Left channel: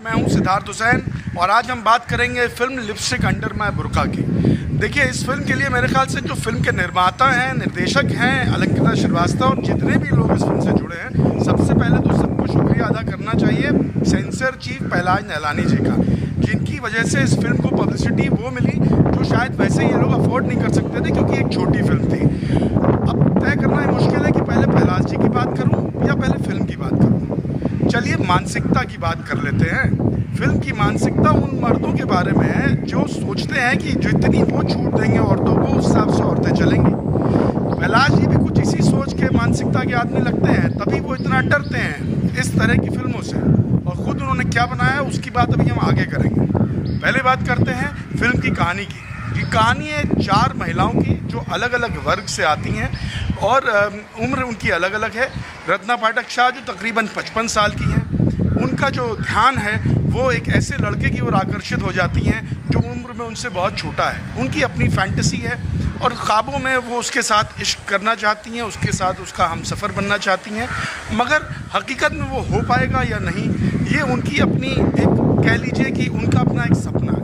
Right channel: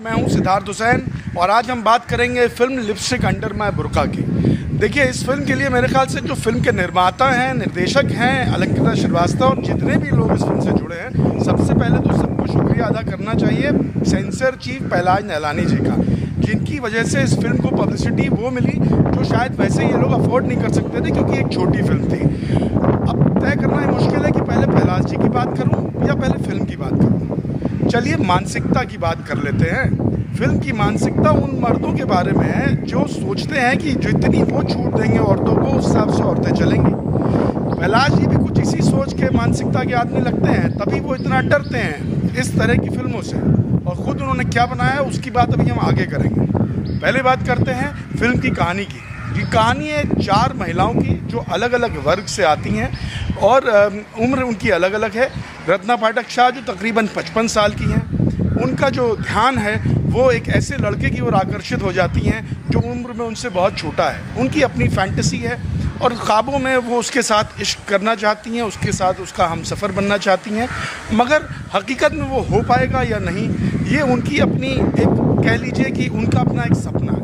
मैं हूं सिद्धार्थ हुसैन और आज हम बात करेंगे फिल्म लिपस्टिक अंडर माय बुर्का की। देखिए, इस फिल्म के लिए मेरे ख्याल से जो फिल्म के निर्माता हैं, निर्देशक हैं अलंकृता श्रीवास्तव और जितने भी लोग इस फिल्म से जुड़े हैं, सबसे पहले तो सबको शुक्रिया अदा करना चाहिए सेंसर चीफ पहलाज नहलानी जी का, जिनकी वजह से इस फिल्म को पब्लिसिटी वो मिली जो शायद वैसे ये लोग अफोर्ड नहीं कर सकते थे, क्योंकि एक छोटी फिल्म थी। अब तय करना है मुश्किल है कि पहले पहलाज जी की बात करूं या पहले फिल्म की बात करूं। चलिए मानसिकता की बात कर लेते हैं। फिल्म की मानसिकता उन मर्दों के बारे में है जो सोचते हैं कि जितनी वो छूट देंगे औरतों को, उस हिसाब से औरतें चलेंगी। पहलाज जी भी कुछ इसी सोच के मानसिकता के आदमी लगते हैं, तभी वो इतना डरते हैं इस तरह की फिल्मों से। और खुद उन्होंने क्या बनाया है उसकी बात अभी हम आगे करेंगे। पहले बात करते हैं फिल्म की कहानी की। ये कहानी है 4 महिलाओं की जो अलग अलग वर्ग से आती हैं और उम्र उनकी अलग अलग है। रत्ना पाठक शाह जो तकरीबन 55 साल की हैं, उनका जो ध्यान है वो एक ऐसे लड़के की ओर आकर्षित हो जाती हैं जो उम्र में उनसे बहुत छोटा है। उनकी अपनी फैंटेसी है और ख्वाबों में वो उसके साथ इश्क करना चाहती हैं, उसके साथ उसका हमसफ़र बनना चाहती हैं, मगर हकीकत में वो हो पाएगा या नहीं, ये उनकी अपनी एक, कह लीजिए कि उनका अपना एक सपना है।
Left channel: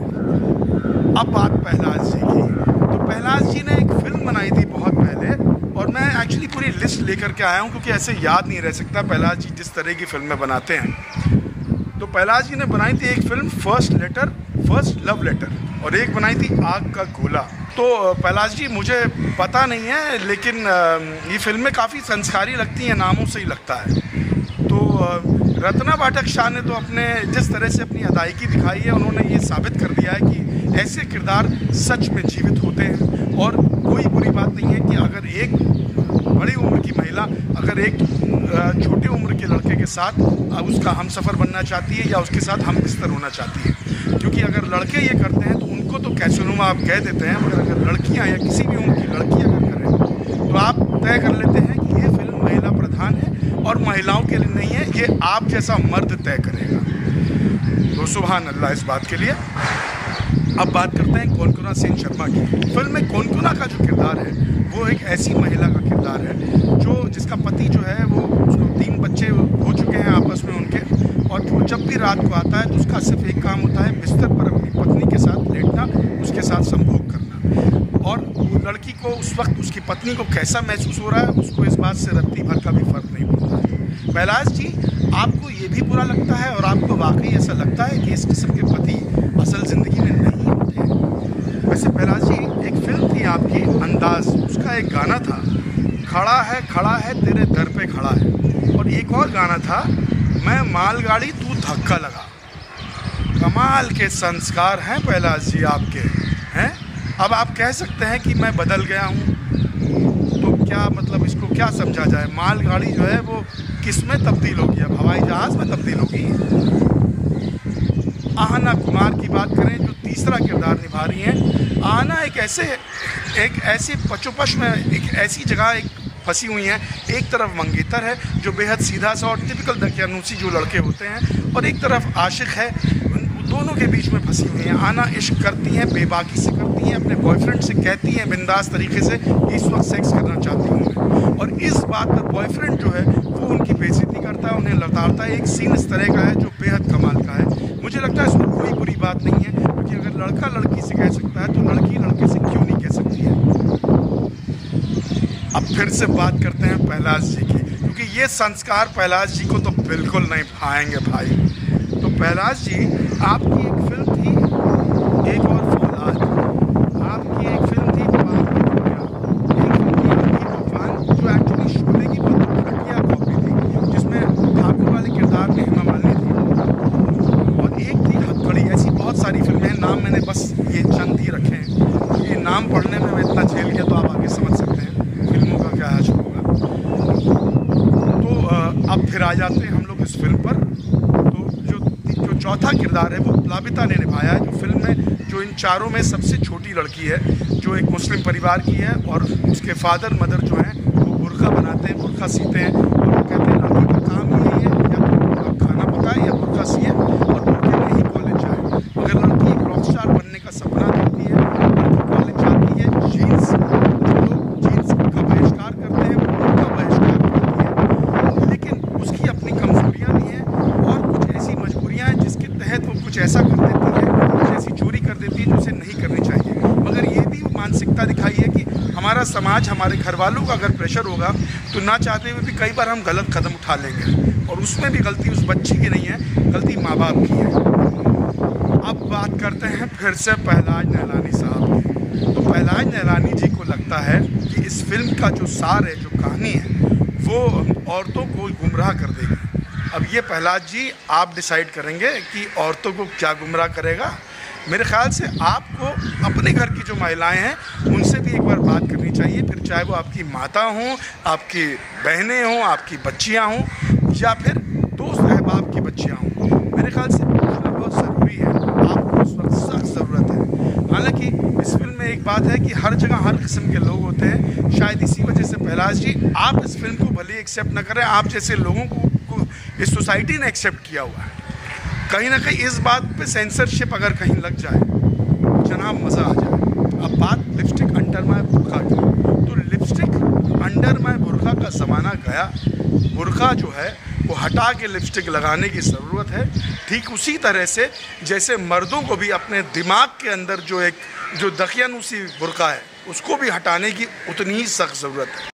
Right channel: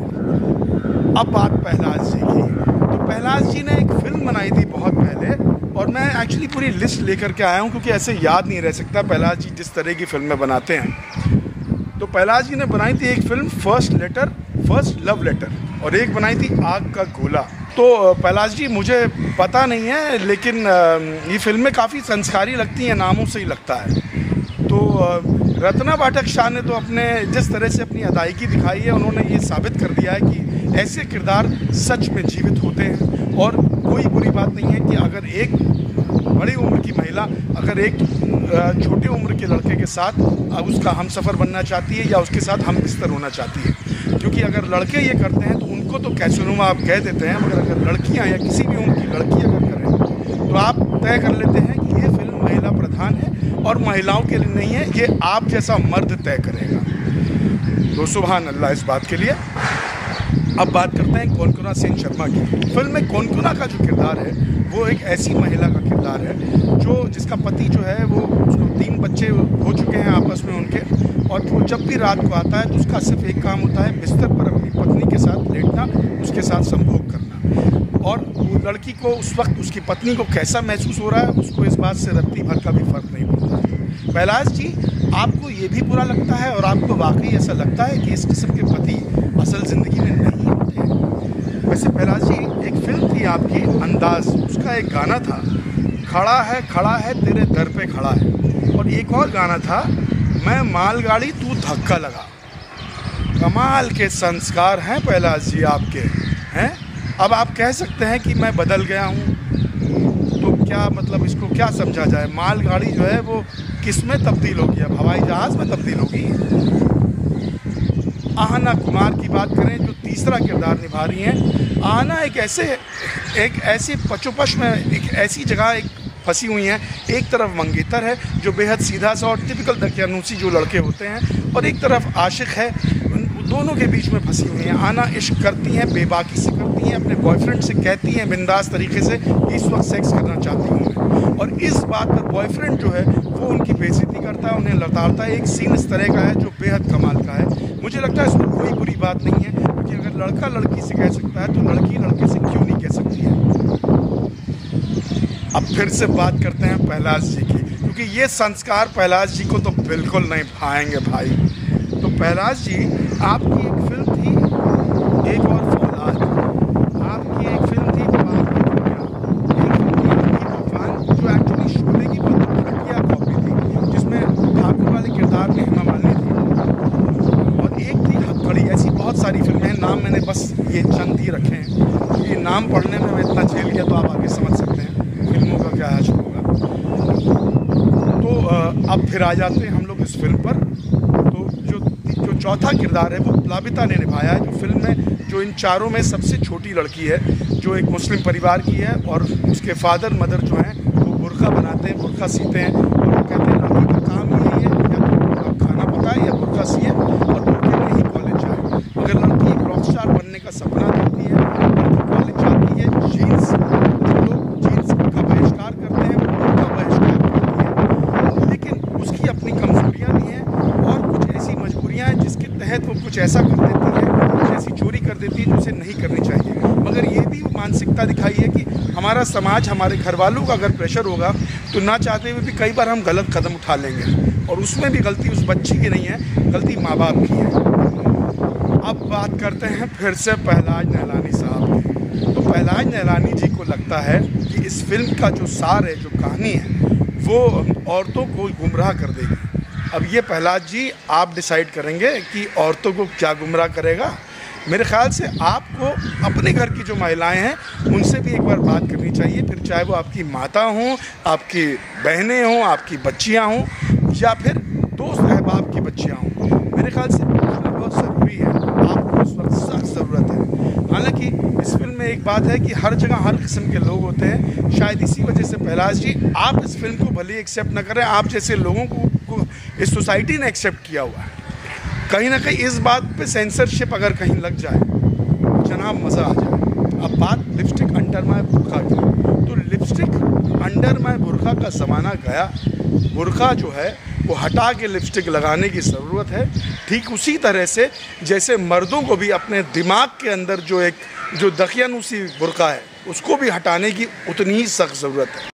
अब बात पहलाज जी की, तो पहलाज जी ने एक फिल्म बनाई थी बहुत पहले, और मैं एक्चुअली पूरी लिस्ट लेकर के आया हूँ क्योंकि ऐसे याद नहीं रह सकता पहलाज जी जिस तरह की फिल्में बनाते हैं। तो पहलाज जी ने बनाई थी एक फिल्म फर्स्ट लव लेटर, और एक बनाई थी आग का गोला। तो पहलाज जी मुझे पता नहीं है, लेकिन ये फिल्में काफ़ी संस्कारी लगती हैं, नामों से ही लगता है। तो रत्ना पाठक शाह ने तो अपने जिस तरह से अपनी अदायगी दिखाई है, उन्होंने ये साबित कर दिया है कि ऐसे किरदार सच में जीवित होते हैं। और कोई बुरी बात नहीं है कि अगर एक बड़ी उम्र की महिला अगर एक छोटे उम्र के लड़के के साथ उसका हमसफ़र बनना चाहती है या उसके साथ हम बिस्तर होना चाहती है। क्योंकि अगर लड़के ये करते हैं तो उनको तो कैसेनुमा आप कह देते हैं, मगर अगर लड़कियां या किसी भी उम्र की लड़की अगर करें तो आप तय कर लेते हैं कि ये फिल्म महिला प्रधान है और महिलाओं के लिए नहीं है, ये आप जैसा मर्द तय करेगा। तो सुभान अल्लाह इस बात के लिए। अब बात करते हैं कोनकोना सेन शर्मा की। फिल्म में कोनकोना का जो किरदार है वो एक ऐसी महिला का किरदार है जो जिसका पति जो है वो, उसको 3 बच्चे हो चुके हैं आपस में उनके, और वो जब भी रात को आता है तो उसका सिर्फ एक काम होता है बिस्तर पर अपनी पत्नी के साथ लेटना, उसके साथ संभोग करना। और वो लड़की को उस वक्त उसकी पत्नी को कैसा महसूस हो रहा है उसको इस बात से रत्ती भर का भी फर्क नहीं पड़ता है। पहलाज जी, आपको ये भी बुरा लगता है और आपको वाकई ऐसा लगता है कि इस किस्म के पति असल जिंदगी में नहीं होते? वैसे पहलाज जी, एक फिल्म थी आपकी अंदाज, उसका एक गाना था खड़ा है तेरे दर पे खड़ा है, और एक और गाना था मैं मालगाड़ी तू धक्का लगा। कमाल के संस्कार हैं पहलाज जी आपके, हैं। अब आप कह सकते हैं कि मैं बदल गया हूँ, तो क्या मतलब इसको क्या समझा जाए? मालगाड़ी जो है वो किस में तब्दील होगी? अब हवाई जहाज में तब्दील होगी। आहना कुमार की बात करें जो तीसरा किरदार निभा रही हैं। आहना एक ऐसे पचोपच में एक ऐसी जगह एक फंसी हुई हैं। एक तरफ मंगेतर है जो बेहद सीधा सा और टिपिकल दकियानूसी जो लड़के होते हैं, और एक तरफ आशिक है, दोनों के बीच में फंसी हुई हैं। आना इश्क करती हैं, बेबाकी से करती हैं, अपने बॉयफ्रेंड से कहती हैं बिंदास तरीके से इस वक्त सेक्स करना चाहती हैं, और इस बात पर बॉयफ्रेंड जो है वो उनकी बेइज्जती करता है, उन्हें लताड़ता है। एक सीन इस तरह का है जो बेहद कमाल का है। मुझे लगता है इसमें कोई बुरी बात नहीं है, क्योंकि अगर लड़का लड़की से कह सकता है तो लड़की लड़के से क्यों नहीं कह सकती है। अब फिर से बात करते हैं पहलाज जी की, क्योंकि ये संस्कार पहलाज जी को तो बिल्कुल नहीं भाएंगे भाई। तो पहलाज जी, आपकी एक फिल्म थी एक और फौलाद, आपकी एक फिल्म थी जो एक्चुअली शोले की बहुत घटिया कॉपी थी, जिसमें ठाकुर वाले किरदार में हेमा मालिनी थी, और एक थी हथकड़ी। ऐसी बहुत सारी फिल्में हैं, नाम मैंने बस ये चंद ही रखे हैं। ये नाम पढ़ने में मैं इतना झेल गया, तो आप आगे समझ सकते हैं फिल्मों का क्या हाल होगा। तो अब फिर आ जाते हैं हम लोग इस फिल्म पर। तो जो चौथा किरदार है वो प्लाबिता ने निभाया है, जो फिल्म में जो इन चारों में सबसे छोटी लड़की है, जो एक मुस्लिम परिवार की है, और उसके फादर मदर जो हैं वो बुर्का बनाते हैं, बुर्का सीते हैं। तो वो कहते हैं लड़की का काम ये है या खाना पकाए या बुर्का सिए और बुर्के में ही कॉलेज जाए। मगर लड़की एक रॉक स्टार बनने का सपना देखती है, कॉलेज जाती है, जीन्स जो लोग जीन्स का बहिष्कार करते हैं उनका बहिष्कार करती है, लेकिन उसकी अपनी कमजोरियां भी हैं और कुछ ऐसी मजबूरियां हैं जिसके तहत वो कुछ ऐसा कर देती है, कुछ ऐसी चोरी कर देती है जो उसे नहीं करनी चाहिए। मगर ये भी मानसिकता दिखाई है कि हमारा समाज, हमारे घर वालों का अगर प्रेशर होगा तो ना चाहते हुए भी कई बार हम गलत कदम उठा लेंगे, और उसमें भी गलती उस बच्ची की नहीं है, गलती माँ बाप की है। अब बात करते हैं फिर से पहलाज नैलानी साहब की। तो पहलाज नैलानी जी को लगता है कि इस फिल्म का जो सार है, जो कहानी है, वो औरतों को गुमराह कर देगी। अब ये पहलाज जी आप डिसाइड करेंगे कि औरतों को क्या गुमराह करेगा। मेरे ख्याल से आपको अपने घर की जो महिलाएं हैं उनसे भी एक बार बात करनी चाहिए, फिर चाहे वो आपकी माता हों, आपकी बहनें हों, आपकी बच्चियां हों, या फिर दोस्त अहबाब की बच्चियां हों। मेरे ख्याल से बहुत ज़रूरी है, आपको इस वक्त सख्त ज़रूरत है। हालांकि इस फिल्म में एक बात है कि हर जगह हर किस्म के लोग होते हैं, शायद इसी वजह से पहलाज जी आप इस फिल्म को भले एक्सेप्ट न करें, आप जैसे लोगों को इस सोसाइटी ने एक्सेप्ट किया हुआ है। कहीं ना कहीं इस बात पे सेंसरशिप अगर कहीं लग जाए जनाब मज़ा आ जाए। अब बात लिपस्टिक अंडर माय बुर्का की, तो लिपस्टिक अंडर माय बुर्का का ज़माना गया। बुर्का जो है वो हटा के लिपस्टिक लगाने की ज़रूरत है, ठीक उसी तरह से जैसे मर्दों को भी अपने दिमाग के अंदर जो दकियानूसी बुर्का है उसको भी हटाने की उतनी ही सख्त ज़रूरत है।